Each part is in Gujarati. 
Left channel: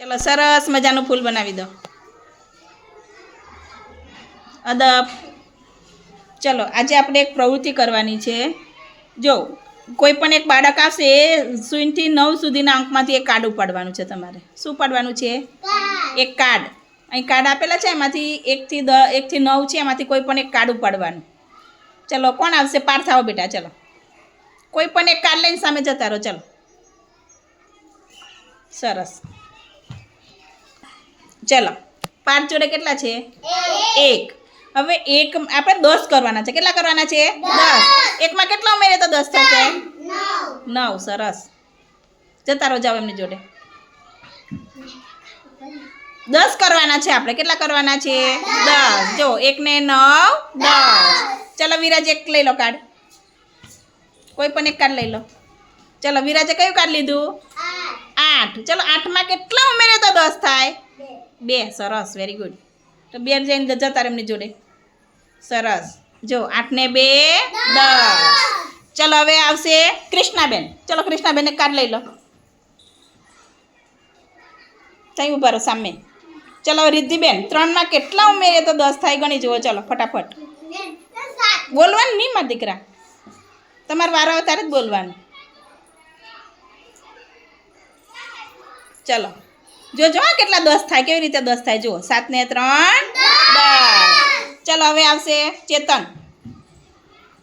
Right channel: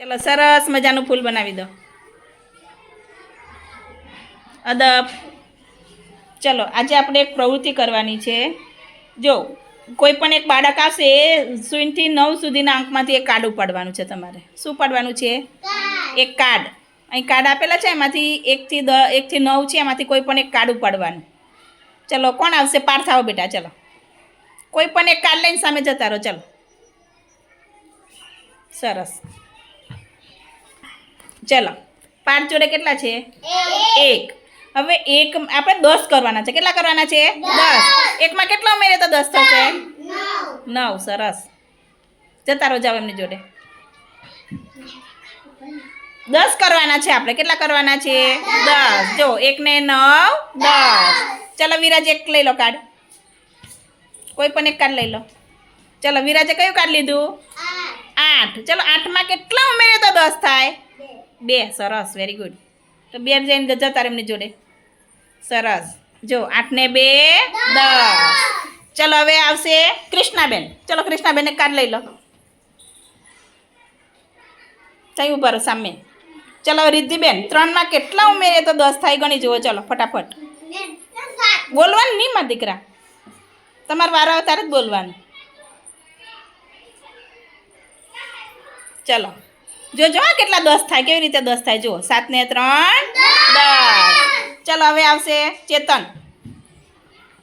ચલો સરસ મજાનું ફૂલ બનાવી દો. અદબ. ચલો આજે આપણે એક પ્રવૃત્તિ કરવાની છે. જો કોઈ પણ એક બાળક આવશે એ શૂન્યથી નવ સુધીના અંકમાંથી એક કાર્ડ ઉપાડવાનું છે તમારે. શું પાડવાનું છે? એક કાર્ડ. અહીં કાર્ડ આપેલા છે એમાંથી એકથી દ એકથી નવ છે એમાંથી કોઈ પણ એક કાર્ડ ઉપાડવાનું. ચલો કોણ આવશે? પાર આવો બેટા ચલો. કોઈ પણ એક કાર્ડ લઈને સામે જતા રહો ચલો. સરસ. ચલો પાંચ જોડે કેટલા છે? એક. હવે એક આપણે દસ કરવાના છે. કેટલા કરવાના છે? દસ. એકમાં કેટલા ઉમેરે તો દસ થશે? નવ. સરસ. જતા રહો જાઓ એમની જોડે. દસ કરવાના છે આપણે. કેટલા કરવાના છે? દસ. જો એક ને નવ, દસ. ચલો, વિરાજ એક લઈ લો કાર્ડ. કોઈ પણ એક કાર્ડ લઈ લો. ચલો, વિરાજે કયું કાર્ડ લીધું? આઠ. ચલો, આઠમાં કેટલા ઉમેરે તો દસ થાય? બે, સરસ વેરી ગુડ તો બે જઈને જતા એમની જોડે. સરસ. જો, આઠ ને બે, દસ. ચલો, હવે આવશે કૃષ્ણાબેન. ચલો કૃષ્ણાબેન એક કાર્ડ લઈ લો. કઈ ઊભા રહો સામે. ચલો રિદ્ધિબેન, ત્રણમાં કેટલા ઉમેરીએ તો દસ થાય ગણી જુઓ. ચલો, ફટાફટ. બોલવાનું નહીં મારા દીકરા. તમારે વારો આવે ત્યારે જ બોલવાનું. ચલો. જોજો જો, કેટલા દસ થાય, કેવી રીતે દસ થાય? જુઓ, સાત ને ત્રણ, દસ. ચલો, હવે આવશે ચેતન.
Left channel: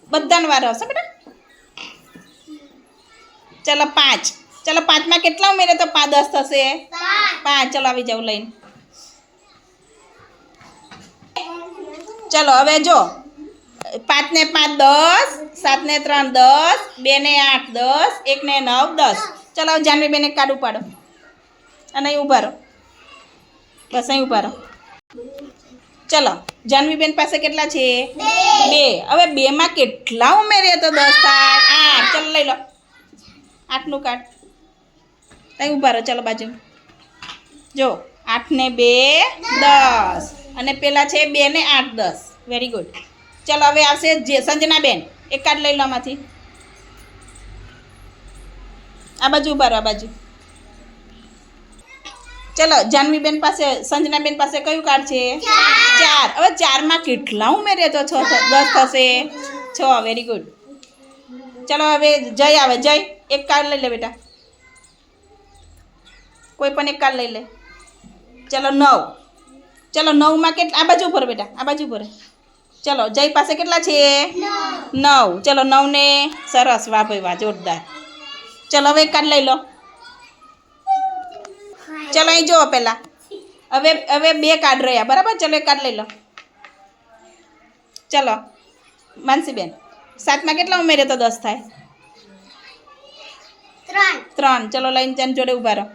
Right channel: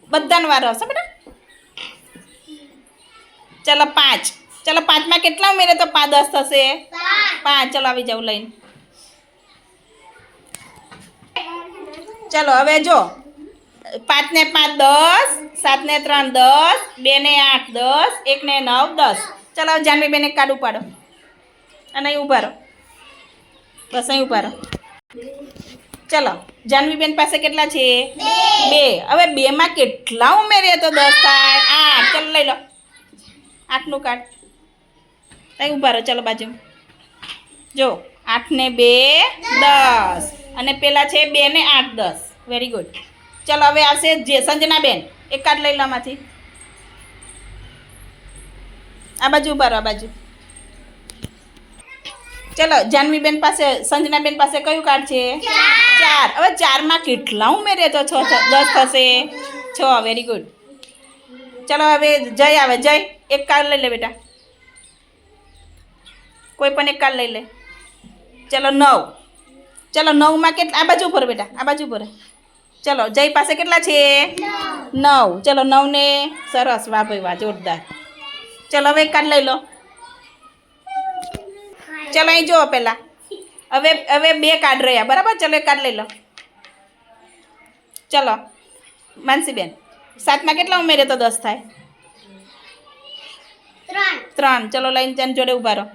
બધાનો વારો આવશે, બેટા. ચલો, પાંચ. ચલો, પાંચમાં કેટલા ઉમેરે તો પાંચ દસ થશે? પાંચ. ચલો, આવી જાઉં લઈને. ચલો, હવે જો. પાંચ ને પાંચ દસ, સાત ને ત્રણ દસ, બે ને આઠ દસ, એક ને નવ દસ. ચલો હવે જાનવી બેન એક કાર્ડ ઉપાડો. અને અહીં ઊભા રહો. બસ અહીં ઊભા રહો. ચલો, જાનવીબેન પાસે કેટલા છે? બે. હવે બેમાં કેટલા ઉમેરીએ તો દસ થાય? આઠ. ચલો, લઈ લો. આઠનું કાર્ડ અહીં ઊભા રહો, ચલો બાજુ જો આઠ ને બે, દસ. અને પેલા છે બે ને આઠ, દસ. વેરી ગુડ ચલો, હવે આવશે જે સંજનાબેન. એક કાર્ડ લઈ લો આમાંથી. આ બાજુ ઊભા રહો, આ બાજુ. ચલો જાનવીબેન પાસે સંજનાબેન પાસે કયું કાર્ડ છે? ચાર. હવે ચારમાં કેટલા ઉમેરે તો છ દસ થશે. છ વેરી ગુડ ચલો હવે જય આવે જય. એક કાર્ડ લઈ લે બેટા. કોઈ પણ એક કાર્ડ લઈ લે. ચલો નવ. ચલો નવમાં કેટલા આ બાજુ ઉપર બેટા આ બાજુ ઉપર. ચલો જય પાસે કેટલા છે? નવ. ચલો નવને સરસ. વાહ ભાઈ વાહ જોરદાર. ચલો હવે એક કાર્ડ લઈ લો. ચલો અહીં જુઓ પહેલાં. હવે હવે બે કાર્ડ રહ્યા. બરાબર? ચલો એક કાર્ડ લઈ લો. ચલો. માનસીબેન સાતમાં કેટલા ઉમેરે તો દસ થાય? ત્રણ. ચલો લઈને જન જોડે ઊભા રહો.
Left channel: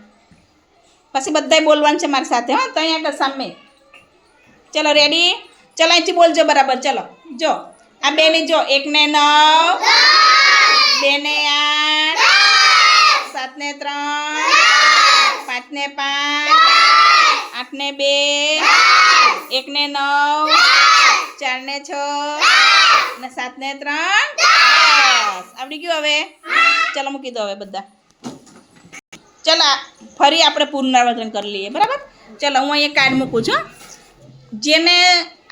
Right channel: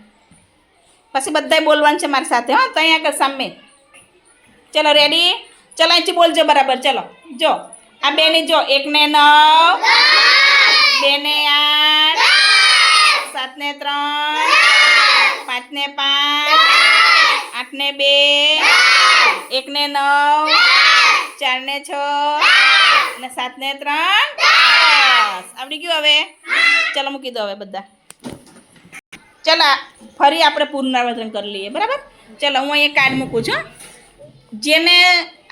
પછી બધાય બોલવાનું છે મારી સાથે હા. તો અહીંયા આગળ સામે. ચલો રેડી ચલો અહીંથી બોલજો બરાબર. ચલો જો. આ બેની જો એક ને નવ. બે ને આઠ. સાત ને ત્રણ. પાંચ ને પાંચ આઠ ને બે એક ને નવ ચાર ને છ અને સાત ને ત્રણ બસ આવડી ગયું હવે? ચાલો મૂકી દો હવે બધા. ચલો ફરી આપણે પુનરાવર્તન કરી લઈએ બરાબર? ચાલો હું અહીંયા કાર્ડ મૂકું છું જેને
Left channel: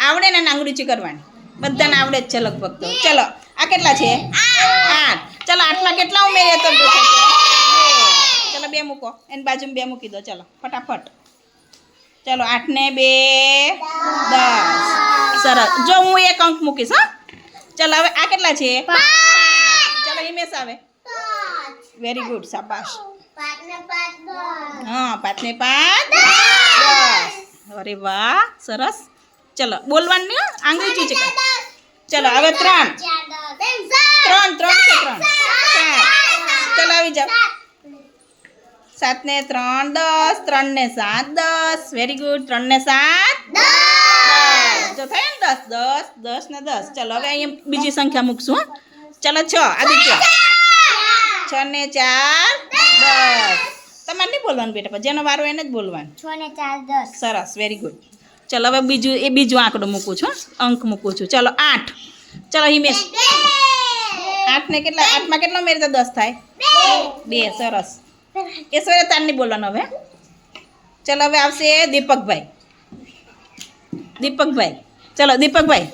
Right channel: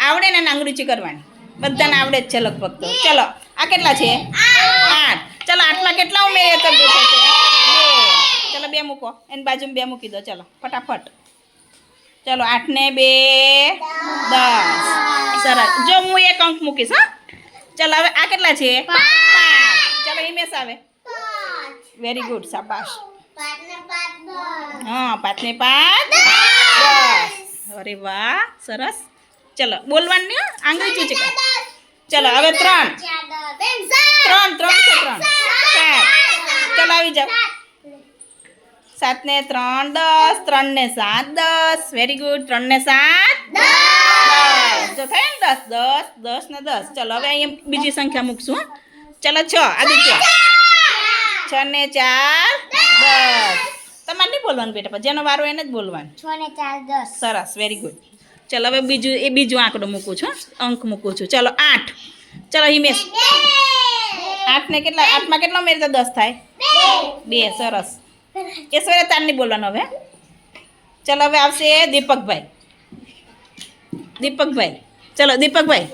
આવડે ને આંગળી કરવાની. બધાને આવડે જ છે લગભગ તો. ચલો આ કેટલા છે? આઠ. ચલો આટલા કેટલા ઉમેરીએ તો ચલો બે મૂકો એની બાજુમાં બે મૂકી દો ચલો ફટાફટ ચલો આઠ ને બે દસ સરસ જો હું એક અંક મૂકીશ હા ચલો હવે આ કેટલા છે પાંચ ચલો હિમેશ આવે વેરી ગુડ શાબાશ હા પાંચ ને પાંચ દસ અરે વાહ સરસ ચલો બોલવાનું નહીં હો, આંગળી ચૂચી કર ચલો હવે ત્રણ ત્રણ ત્રણ છે ત્રણ ચાર ચલો આવી જાઓ સાત ને ત્રણ દસ ત્રણ ને સાત દસ. વેરી ગુડ ત્રણ ને સાત દસ. જો થાય ને દસ દસ દસ ને દસ. ચલો હવે અહીંયા બીજી સંખ્યા મૂકશું. ચલો છ આદિત્ય. છ ને ચાર દસ. તમારે નહીં બોલવાનું બેટા જેનો વારો એને જ બોલવાનું. છ ને ચાર દસ. સરસ વેરી ગુડ ચલો હવે બીજું એ બીજું આંકડો મૂકું છું અંક મૂકું છું. ચલો આઠ. ચલો હિમેશ આઠ ને કેટલા આઠમાં કેટલો મેરે તો દસ થાય? બે સરસ. તાર નહીં બોલવાનું હવે? ચલો હવે આવશે દીપકભાઈ. દીપકભાઈ. ચલો દીપકભાઈ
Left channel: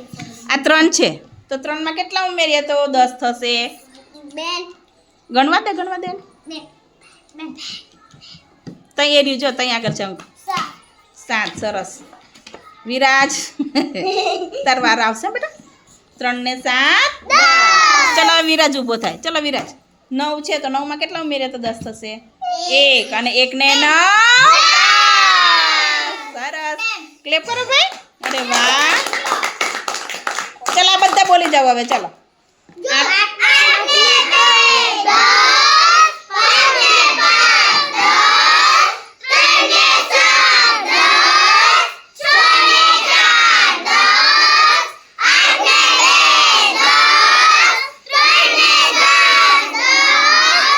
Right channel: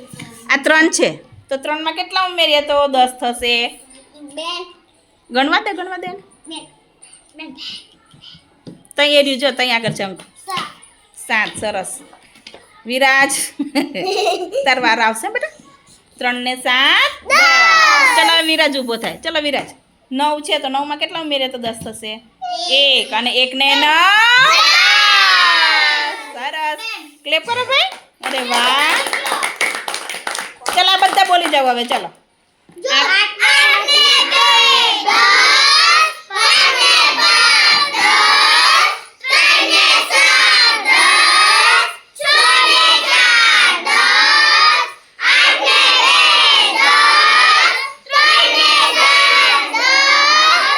આ ત્રણ છે. તો ત્રણમાં કેટલા ઉમેરીએ તો દસ થશે? ગણવા દે ગણવા દે. તઈ એર્યું જો તઈ આગળ છે સાત. સરસ. વિરાજ. તાર વાર આવશે બેટા. ત્રણ ને સાત ચલો હવે વિરાજ ઊભો થાય. ચલો વિરાજ. નવ છે તો નવમાં કેટલા ઉમેરે તો દસ થશે? એક અને એક ને નવ સરસ. ક્લેપ કરો ભાઈ. અરે વાહ. ચલો આ બધા બોલી જાઓ હવે ચલો.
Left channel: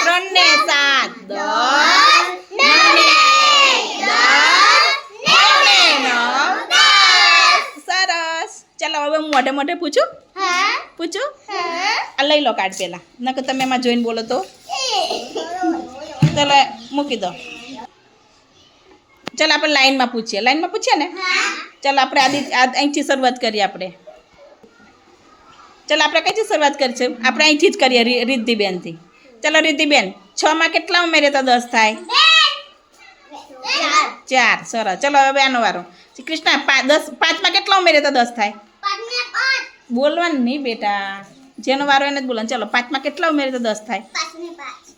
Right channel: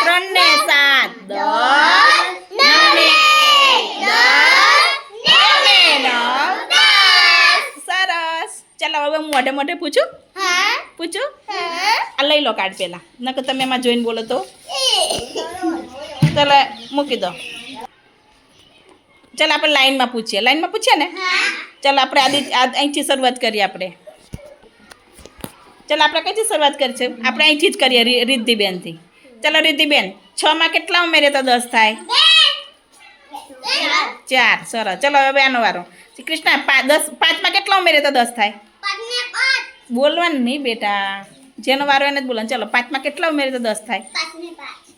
ત્રણ ને સાત દસ નવ ને દસ એક ને નવ દસ સરસ ચાલો હવે હું મોઢે મોઢે પૂછું? પૂછું? આ લઈ લો કાર્ડ પેલા. નકર તમે એમાં જોઈને બોલો તો. ચાલો મૂકી દો. ચાલો આપણે લાઈનમાં પૂછીએ. લાઈનમાં પૂછીએ ને? ચાલો આપણે આદિ અહીંથી શરૂઆત કરીએ આપણે. ચાલો આપણે કઈથી શરૂઆત કરીશું? આપણે અહીંથી જ કરીએ રિદ્ધિબેનથી. ચાલો રિદ્ધિબેન છમાં કેટલા ઉમેરે તો દસ થાય? ચાર. સરસ. ચલો હવે આનો વારો. શ્રી કૃષ્ણ દસ પાંચમાં કેટલા ઉમેરે તો દસ થાય. બોલવાનું નહીં બેટા. જેનો વારો એને જ બોલવાનું. ચલો પાંચમાં કેટલા ઉમેરે તો દસ થાય.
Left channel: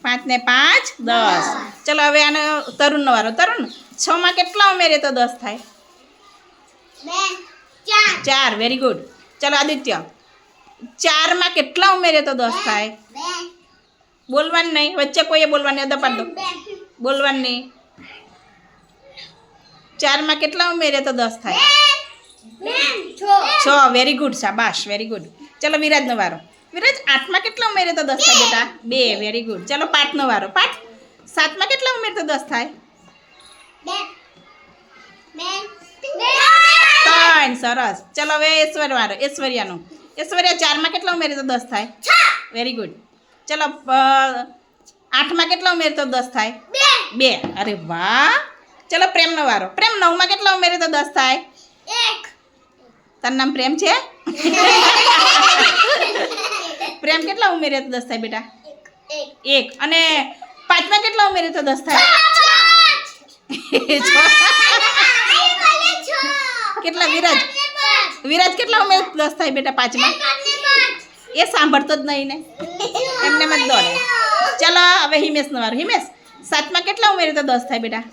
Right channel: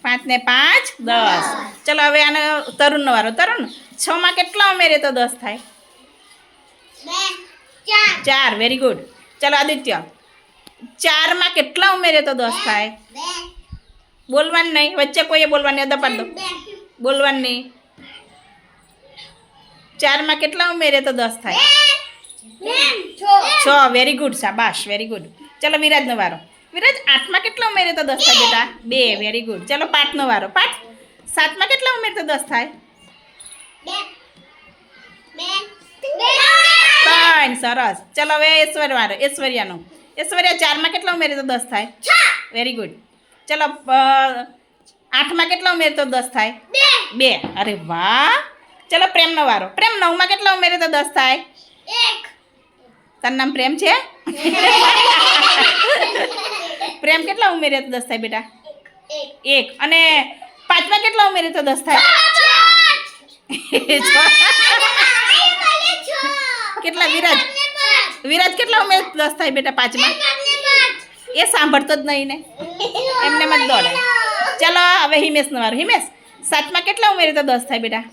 પાંચ. ને પાંચ દસ. ચલો હવે આનો તરુણનો વારો. તરુણ છમાં કેટલા ઉમેરે તો દસ થાય. ચાર. વેરી ગુડ ચલો આદિત્ય. ચારમાં કેટલા ઉમેરે તો દસ થાય. બોલવાનું નહીં. વચ્ચે કોઈએ બોલવાની અદા પાડ. દો બોલવાનું નહીં. ચારમાં કેટલા ઉમેરે તો દસ થાય? છ. વેરી ગુડ શાબાશ વેરી ગુડ ચલો વિરાજનો વારો. વિરાજ આઠમાં કેટલા ઉમેરે તો દસ થાય બેટા? બે વેરી ગુડ ચલો પાંચનો વારો. પાંચ સાતમાં કેટલા ઉમેરે તો દસ થાય? ત્રણ. સરસ. ચલો હવે ઐશ્વર્ય વારો ઐશ્વર્યાનો. ઐશ્વર્યા ચારમાં કેટલા ઉમેરે તો દસ થાય? વેરી ગુડ ચલો અ, આઠમાં કેટલા ઉમેરે તો દસ થાય? બે. અરે વાહ! ચલો પ્રેમનો વારો. પ્રેમ નવમાં કેટલા ઉમેરે તો દસ થાય? તારું નામ પ્રેમ છે? પ્રેમ કેટલા ઉમેરે તો દસ થાય બેટા? એક. અને પાંચમાં કેટલા ઉમેરે તો દસ થાય? કેટલા વિરાજ? વિરાજ કેટલા ઉમેરે દસ થાય બેટા પાંચમાં? એ સાંભળતો જ નહીં ને. એમને મત દોડે. ચલો હવે હિમેશનો વારો. હિમેશ સાતમાં કેટલા ઉમેરે તો દસ થાય બેટા?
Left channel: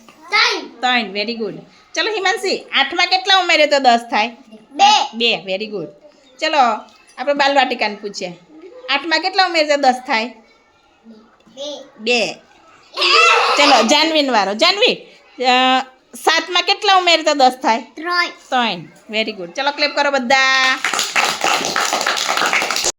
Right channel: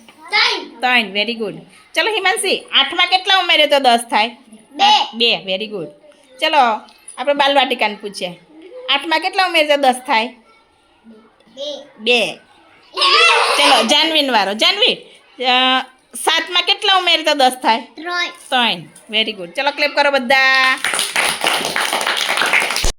ત્રણ વેરી ગુડ ચલો હિમાંશી આઠમાં કેટલા ઉમેરે તો દસ થાય? બે. બે વેરી ગુડ ચલો આપણે બાલવાટિકાને પૂછીએ. આઠમાં કેટલા ઉમેરે તો દસ થાય? બે. ચલો જાનવીન વારો. જાનવી સાતમાં કેટલા ઉમેરે તો દસ થાય? ત્રણ. વેરી ગુડ ચલો ક્લેપ કરો બધા.